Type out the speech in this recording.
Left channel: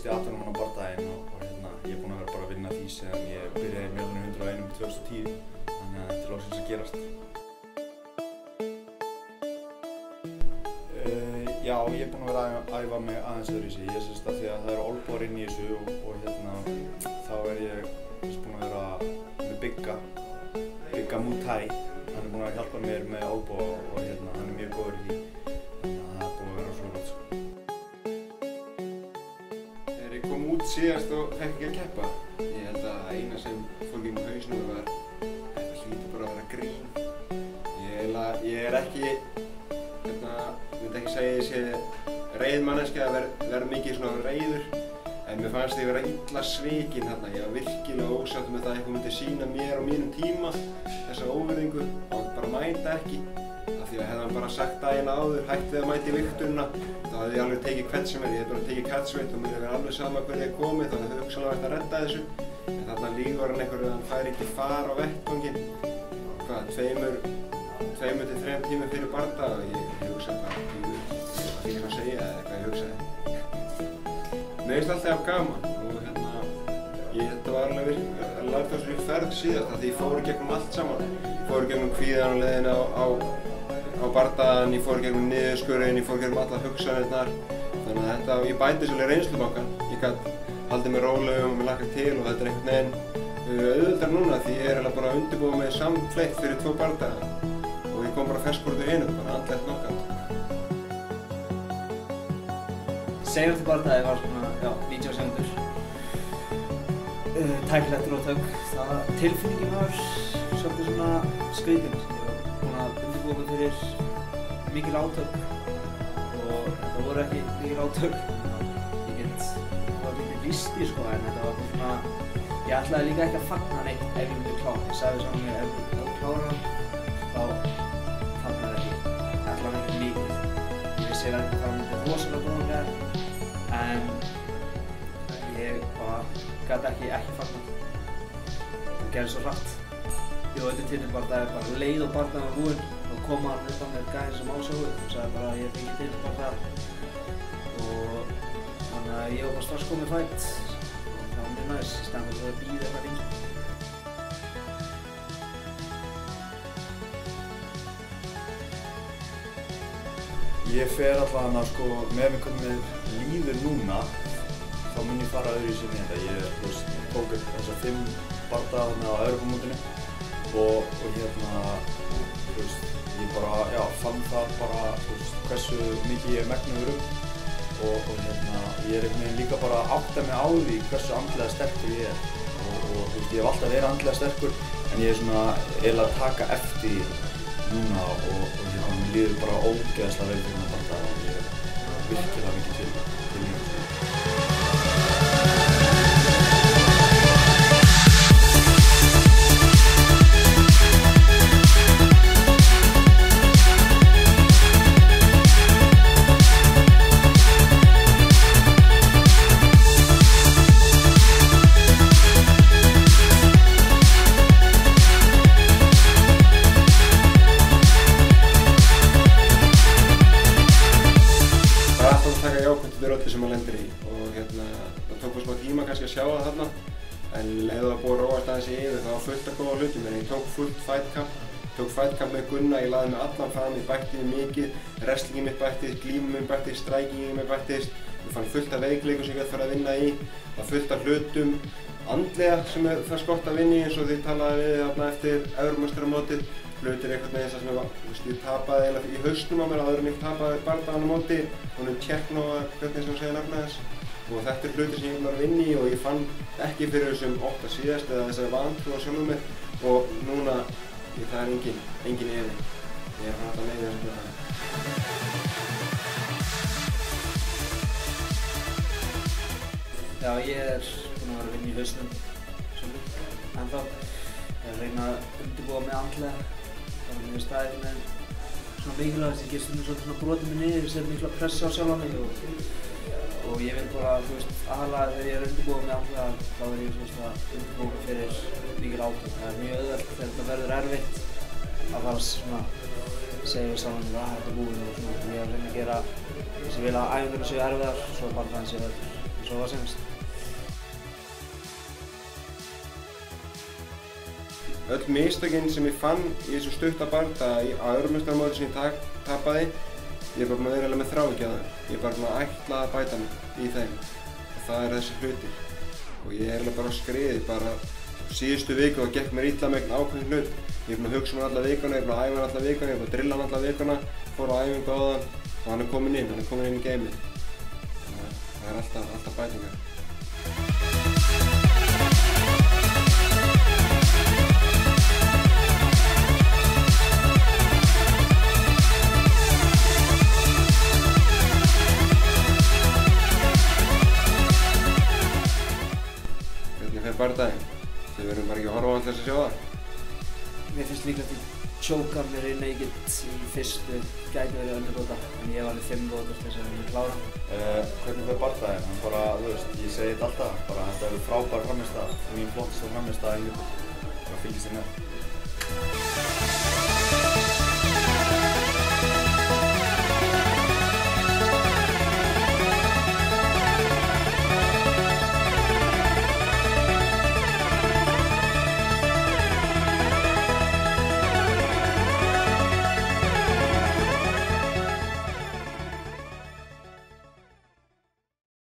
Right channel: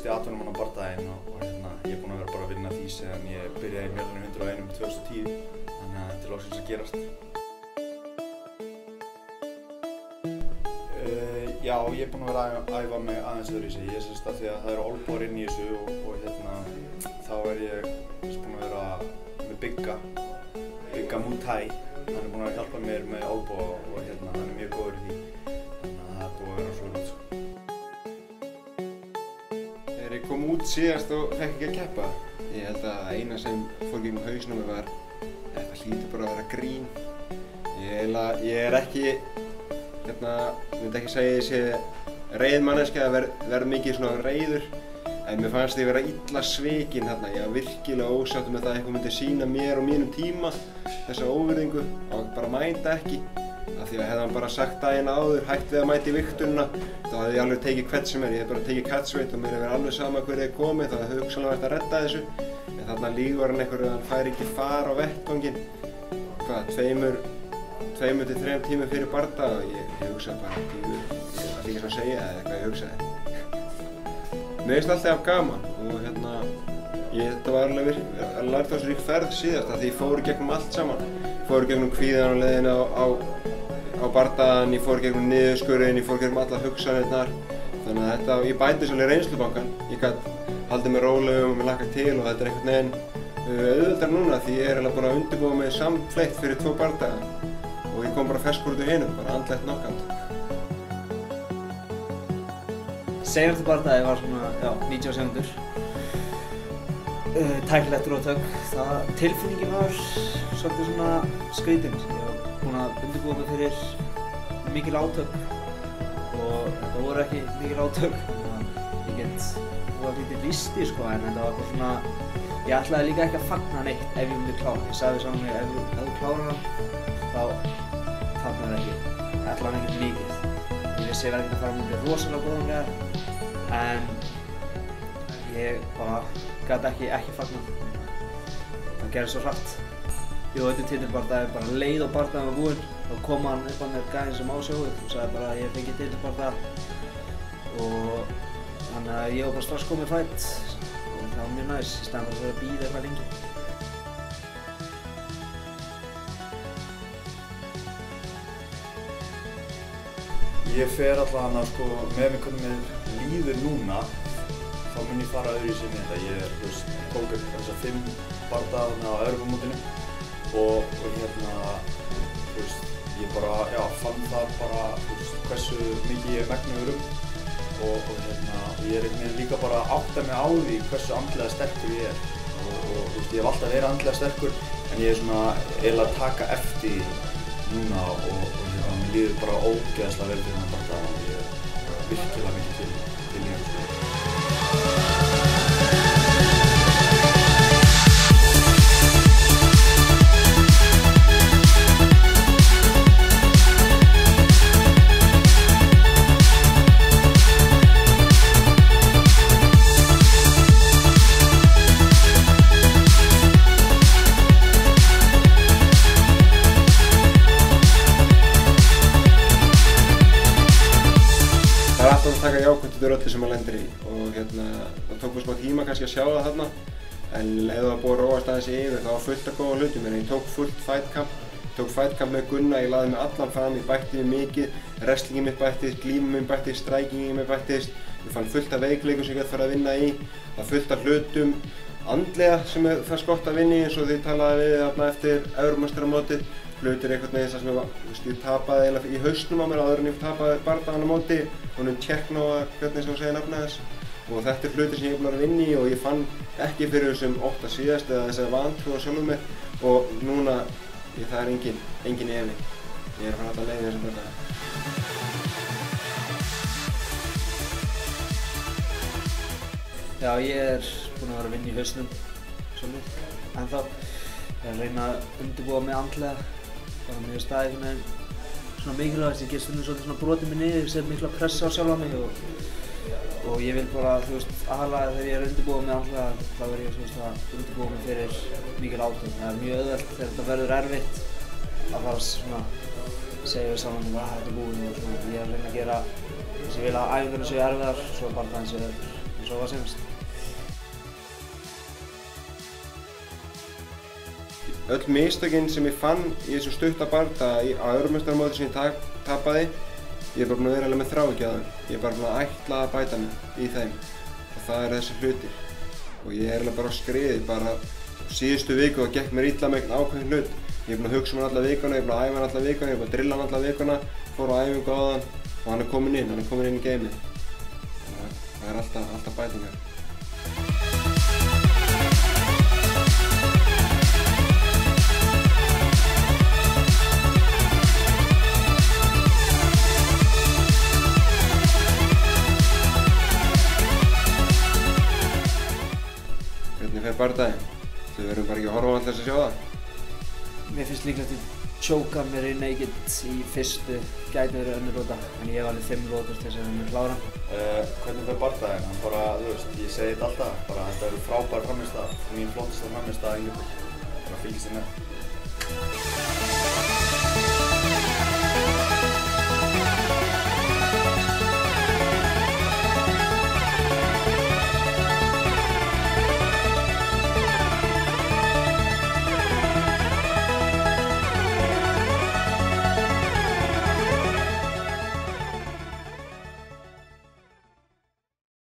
fyrsti atvinnumanna og ég er búinn að vera bara að vinna því sem ég byrjaði í Mjölnir 101 2010, þannig að þetta er loksins að gerast. Já, ég er búinn að vera að æfa mig aðeins öðruvísi. Ég sést að því að það eru olnbogar inn í þessu og þá er ég búinn að vera með Bigga Muay Thai. Hann er búinn að hjálpa mér með olnboga og hann er mjög góður í því. Þannig að það er búinn að vera svo gott. Þegar ég kom út síðast og fekk ekki að keppa, ég held að eina sem fór gegnum hausnum var þetta hlýtur bara að vera grín. Ég er ekki, ég myndi ekki segja að ég sé reið manneskja að verða mikið svona reiður, en mér fannst ég vera illa svikinn þarna. Ég var virkilega ósáttur með það að eitthvað myndi sýna mér og mínum tíma þessa óvirðingu og bara mæta ekki. Af því að hefði hann bara sagt daginn áður, hætt við að mæta í vigtunina, þá hefði ég alveg tekið hvert sem er. Ég hefði bara tekið catchweight og mér hefði verið alveg sama hver ég komið, þá hefði hugsanlega vært að redda þessu. En þarna lígur hann einhverju að hann fær ekki far á vettvanginn, 2 til 3 tímum fyrir bardaga og ég hugsaði bara, ég ætla ekki að segja eða eitthvað ég hugsaði. Mér finnst alltaf gaman og þetta var alveg lærdómsrík ferð síðast af því ég fór í gegnum allt saman. Ég fór í gegnum kvíðan á leiðinni á bardagan, ég fór í gegnum niðurskurðinn, ég fór í gegnum allar hugsanirnar. Þannig að ég bæti svolítið reynslubankann. Ég gat haldið mig rólegum og mér hlakkað til og þetta er einhvern veginn auðveldara núna því ég er eiginlega bara að undirbúa mig samfleytt fyrir 2 bardaga. Og ég kom bara ferskur út úr hinum, bara andlegt knockout. Seinasti bardagi var svona, 90 sekúndur. Tæknilegt róttök. Tilfinningin var svolítið svona skrýtin. Ég var búinn að undirbúa mig fyrir mikil átök og þetta voru ekki mikil átök. Það var lítið listi sko, en þetta var bara svona, ég ætlaði líka ekki að fagna neitt ef ég myndi klára. Ég sagði saman mig, ef þú klárar hann, þá fagnar ekki. Það ætlaði hann ekkert mikið. Ég vissi ég verði ekki að fara mútið rosalega góðan gæðar, en ég bara gat ekki fagnað. Það gerði svo hratt. Ég var auðvitað titilbardagi, bara leið og bardaginn var búinn, þá kom hann upp að mér gæðin sem ásjóðu og sagði bara að ég fengi titilbardaga. Og þannig að ég var bara strax komið fætt og það var mjög næs, í staðinn fyrir að bíða eitthvað lengi. Ég fer allavega sko, með mig hvernig mér líður núna, þá mun ég fara öðruvísi inn í þetta. Ég tók upp þessa 5 bardaga á Evrópumótinu og ég bara, fann það bara hversu mikið ég er megnuður og ég er einhvern veginn líka bara að átta mig á því hversu andlega sterkur ég er. Ég hef alltaf verið andlega sterkur en ég er svona eiginlega að taka eftir núna og mér líður bara ógeðslega vel fyrir þennan bardaga og ég er virkilega mikið til í hann. Taka jákvæmt út úr öllu sem maður lendir í og það tók mér smá tíma kannski að sjá það þarna en ef það var búið að róast aðeins yfir þá var fullt af góða hlutum en ég tók fullt fightcamp með Gunna, ég laði mig allan fram, ég bætti mig mikið, wrestlingin mitt bættist, glímum minn bættist, strikingin minn bættist, ég fann fullt af veikleikum sem ég gæti farið að vinna í, það var fullt af hlutum andlega sem það fannst gott að vinna í eins og því talaði við þarna eftir Evrópumeistaramótið. Hlutir einhvern veginn þar sem ég tapaði eiginlega í hausnum á mér áður en ég tapaði bardagann á móti, honum Tjekknóa, hvernig sem hún segir nafnið þess. Og þetta er hlutir sem ég er búinn að vinna í og ég fann ekki fyrir þessum ótta síðast eða þessari vantrú á sjálfum mér og núna, það er engin efi. Ég er að fara alltaf leið í þessum bardaga. Já, ég er búinn að vera að vinna í hausnum svolítið ennþá. Ég er að reyna að undirbúa mig andlega. Bara mér staðið með svona mikilvægast, ég get stundum svolítið brotið mig niður, set mikla pressa á sjálfa mig og ég vil bara, aðalega þegar ég er að undirbúa mig andlega, þá er ég að undirbúa mig fyrir mikil átök. Það er mjög auðvelt þegar þetta verður erfitt að fara svona, segja við sjálfan mig að þetta er búið og svona. Ég er að reyna að gera þess að ég vil að æfingarnar séu erfiðar, svo bardaginn sé svo var senast. Öll mistökin sem ég fann í þessum stutta bardaga á Evrópumeistaramóti sem ég tapaði, ég er bara búinn að vera alveg með þráhyggju á þeim. Ég er bara búinn að ætla að bæta mig í þeim og það eru þessi hlutir. Og ég er alveg bara á skriði, bara síðustu viku og gekk mér illa með einhvern ákveðinn hlut. Ég er búinn að hugsa um hann alla vikuna, ég er búinn að æfa hann alla vikuna, ég er búinn að drilla hann alla vikuna, fór á æfingu á hann og hann er kominn inn í geimið. Það er alltaf bætingar. Hvernig fer bardaginn? Við verðum bara ekki að horfa á alltaf að sjá það. Mér finnst líklegt að tjóka mér í naked í fyrstu, gæti verið önnur lóta, en ég hef alveg 5 lótur til þess að við klára. Hvernig fer bardaginn? Hann bara, þú veist, ég segi þetta alltaf, bara þetta eru frábær frammistaða, mín flottasta frammistaða hingað til. Bara fylgist þér með.